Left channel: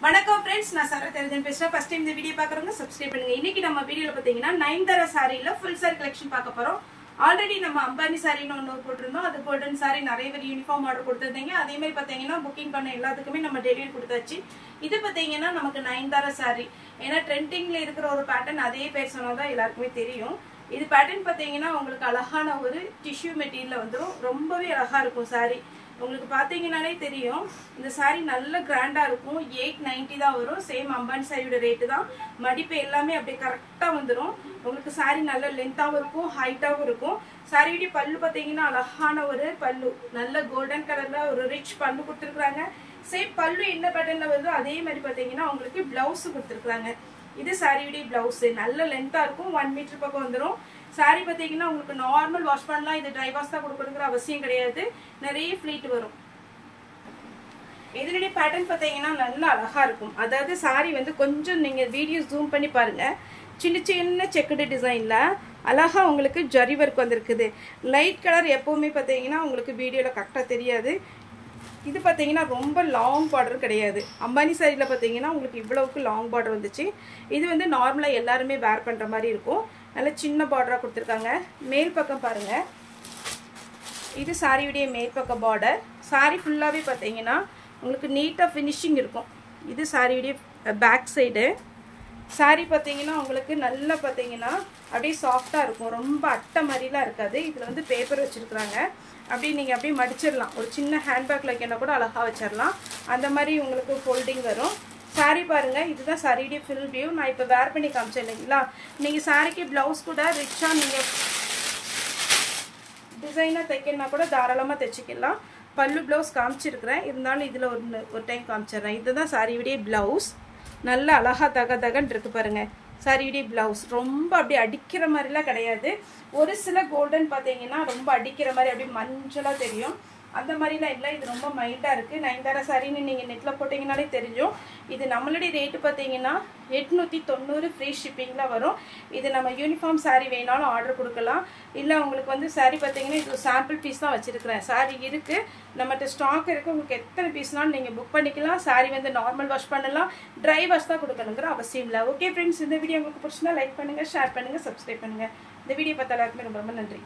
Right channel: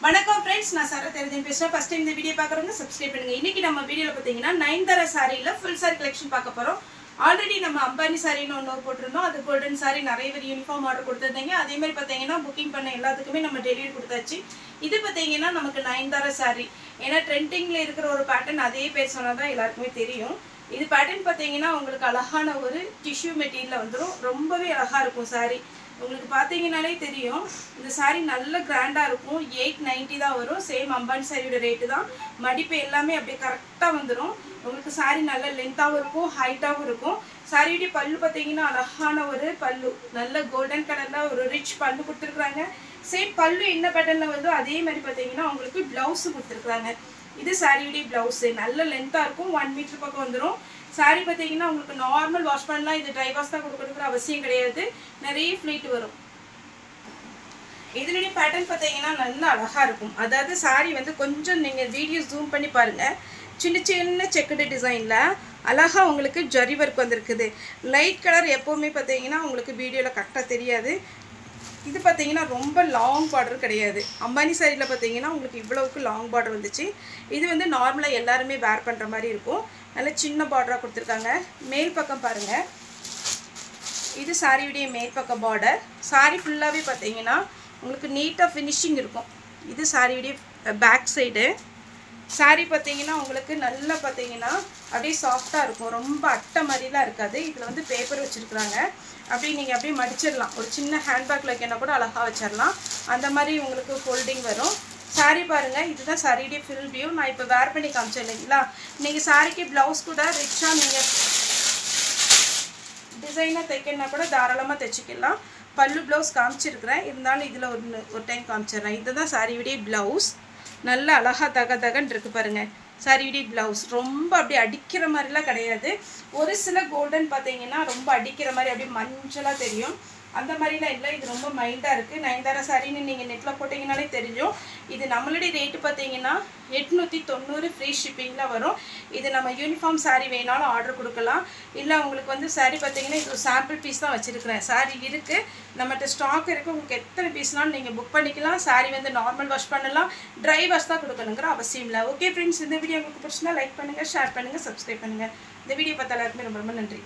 வணக்கம் फ्रेंड्स நான் சரத் தெரிஞ்சன் பேசுறேன் ஃபர்ஸ்ட் டைம் இந்த வீடியோ பார்க்கறவங்க சப்ஸ்கிரைப் பண்ணுங்க இன்னைக்கு நம்ம வீடியோல பாத்தீங்கன்னா நயன்தாரா சாரில ஃபுல் சாரி கலெக்ஷன் பார்க்க போறோம் ஆல்ரெடி நம்ம அம்பானி சாரின்னு ஒன்னு போட்டுருந்தோம் அது கோல்டன் சாரி நிறைய பேர் யூனிஃபார்ம் ஆர்டர் கொடுத்திருந்தீங்க அதே மாதிரி பாத்தீங்கன்னா புக்கிங் பண்ண எல்லாத்துக்குமே நம்ம டெலிவரி கொடுத்தாச்சு இது பாத்தீங்கன்னா நமக்கு நயன்தாரா சாரி ஏனா ட்ரெண்டிங்ல இருக்கிற ஒரு பேட்டர்ன் அதே பேர் சொன்னாதான் எல்லாருக்குமே தெரியும் இது பேட்டர்ன் பாத்தீங்கன்னா உங்களுக்கு அழகான ஒரு டிஷ்யூ மெட்டீரியல்ல வந்துரும் ரொம்பவே அழகா இருக்கும் சாரி உங்களுக்கு பாத்தீங்கனாலே தெரியும் இந்த சாரி நல்ல கிராண்டா இருக்கும் 890 தான் வரும் சேம் அம்பானி சாரியோட ரேட் தான் மடிப்பு எல்லாமே அப்படியே கரெக்ட்டா வந்துரும் உங்களுக்கு சாரி நல்ல லெந்தாவும் இருக்கும் ஹைட்டாவும் இருக்கும் சாரியோட பல்லு பாத்தீங்கன்னா அழகான ஒரு பல்லு நல்ல கோல்டன் கலர்ல ஒரு ரிச் பல்லு கொடுத்திருக்காங்க சேம் பல்லு என்ன பேட்டர்ன்ல வருதோ அதே மாதிரி பாத்தீங்கன்னா உங்களுக்கு ப்ளவுஸ் கொடுத்திருக்காங்க இது சாரியோட ப்ளவுஸ் நல்ல லெந்தா இருக்கும் 1 மீட்டர் பக்கம் வந்துரும் சாரி பாத்தீங்கன்னா உங்களுக்கு நார்மல் வாஷ் பண்ணலாம் இது ட்ரை வாஷ் தான் கொடுக்கணும்ங்கற அவசியம் கிடையாது நிறைய ஃப்ளீட் வரும் இதனுடைய பேட்டர்ன் பாத்தீங்கன்னா நல்ல அழகா இருக்கும் அதாவது சாரி வந்து கொஞ்சம் நீங்க வீடியோ ஜூம் பண்ணி பாருங்க சின்ன சின்ன செக்குடு டிசைன்ல அழகா உங்களுக்கு ஜரி வர்க் வந்திருக்குது லைட் கலர் எப்பவுமே பாத்தீங்கன்னா உங்களுக்கு வீடியோல கரெக்ட்டா தெரியாது இது பாத்தீங்கன்னா ரொம்ப லாங் பார்டர் கிடையாது அம்பானி சாரில பாத்தீங்கன்னா உங்களுக்கு இவ்வளவுக்கு லாங் பார்டர் வந்துச்சு இது வந்து நார்மலா எல்லாரும் வேர் பண்ற மாதிரி இருக்கும் நல்ல சின்ன பார்டரா கொடுத்திருக்காங்க மேல் பக்கம் பாருங்க இது சாரியோட மேல் பக்கம் பார்டர் சாரி ஃபுல்லாவே பாத்தீங்கன்னா உங்களுக்கு நீட்டா ஃபினிஷிங் இருக்கும் இது சாரியோட பேக் சைடு சாரி பாத்தீங்கன்னா உங்களுக்கு நல்ல பாத்தீங்கன்னா அப்படியே சாஃப்ட்டா இருக்கும் ரொம்ப அட்டை மாதிரிலாம் இருக்காது இதுல வந்து பேப்பர் வச்சிருக்காங்க அப்படியே நீங்க அப்படியே மடிச்சிரலாம் ஒரு சின்ன ஹேண்ட்பேக்ல வைக்கனா கூட அழகா வச்சிரலாம் அந்த மாதிரி உங்களுக்கு ஃபோல்டிங் வரும் சாரி பாருங்க இதுதான் சாரியோட ஃபுல் வியூ நான் இப்ப வேர் பண்ணி காமிச்சேன் இல்லைங்களா நீங்க சாரிக்கு ப்ளவுஸ் கூட ரிச்சா நீங்க டிசைனா தைக்கனா கூட தாராளமா தைச்சிக்கலாம் பல்லு ப்ளவுஸ் காமிச்சிருக்கேன் இருந்தாலும் இதுல ஒரு டைம் காமிச்சறேன் இதுதான் சாரியோட ப்ளவுஸ் நல்ல அழகா தகதகன்னு இருக்கு பாருங்க சாரியோட ப்ளவுஸ் ரொம்ப அப்படியே அடிக்கிற மாதிரிலாம் கிடையாது ஒரு சில கோல்டன் பாத்தீங்கன்னா ரொம்ப அடிக்கிற மாதிரி அப்படியே மஞ்சளா தெரியும் அந்த மாதிரிலாம் இல்லை இது ரொம்ப மைல்டா இருக்கு நயன்தாரா சாரின்னு நீங்க நெட்ல போட்டீங்கனாலே தெரியும் இது நம்மளுடைய ரேட் பாத்தீங்கன்னா 890 ஃப்ரீ ஷிப்பிங்ல வரும் இது நம்ம யூனிஃபார்ம் சாரி வேணாலும் ஆர்டர் கொடுக்கலாம் இல்ல உங்களுக்கு வந்து சாரி பாத்தீங்கன்னா இது சாம்பிள் பீஸ் தான் வச்சிருக்கேன் சாரி இருக்கு நம்மட்ட ஸ்டாக் இருக்கு உங்களுக்கு எத்தனை பீஸ்னாலும் நீங்க புக் பண்ணிக்கலாம் சாரி வந்து நார்மல் வாஷ் பண்ணலாம் ட்ரை வாஷ் தான் கொடுக்கணும்ங்கற அவசியம் இல்லை ஓகே फ्रेंड्स இந்த வீடியோ உங்களுக்கு பிடிச்சிருந்தா லைக் பண்ணுங்க ஷேர் பண்ணுங்க சப்ஸ்கிரைப் பண்ணுங்க இந்த வீடியோ பார்த்த எல்லாருக்கும் ரொம்ப ரொம்ப நன்றி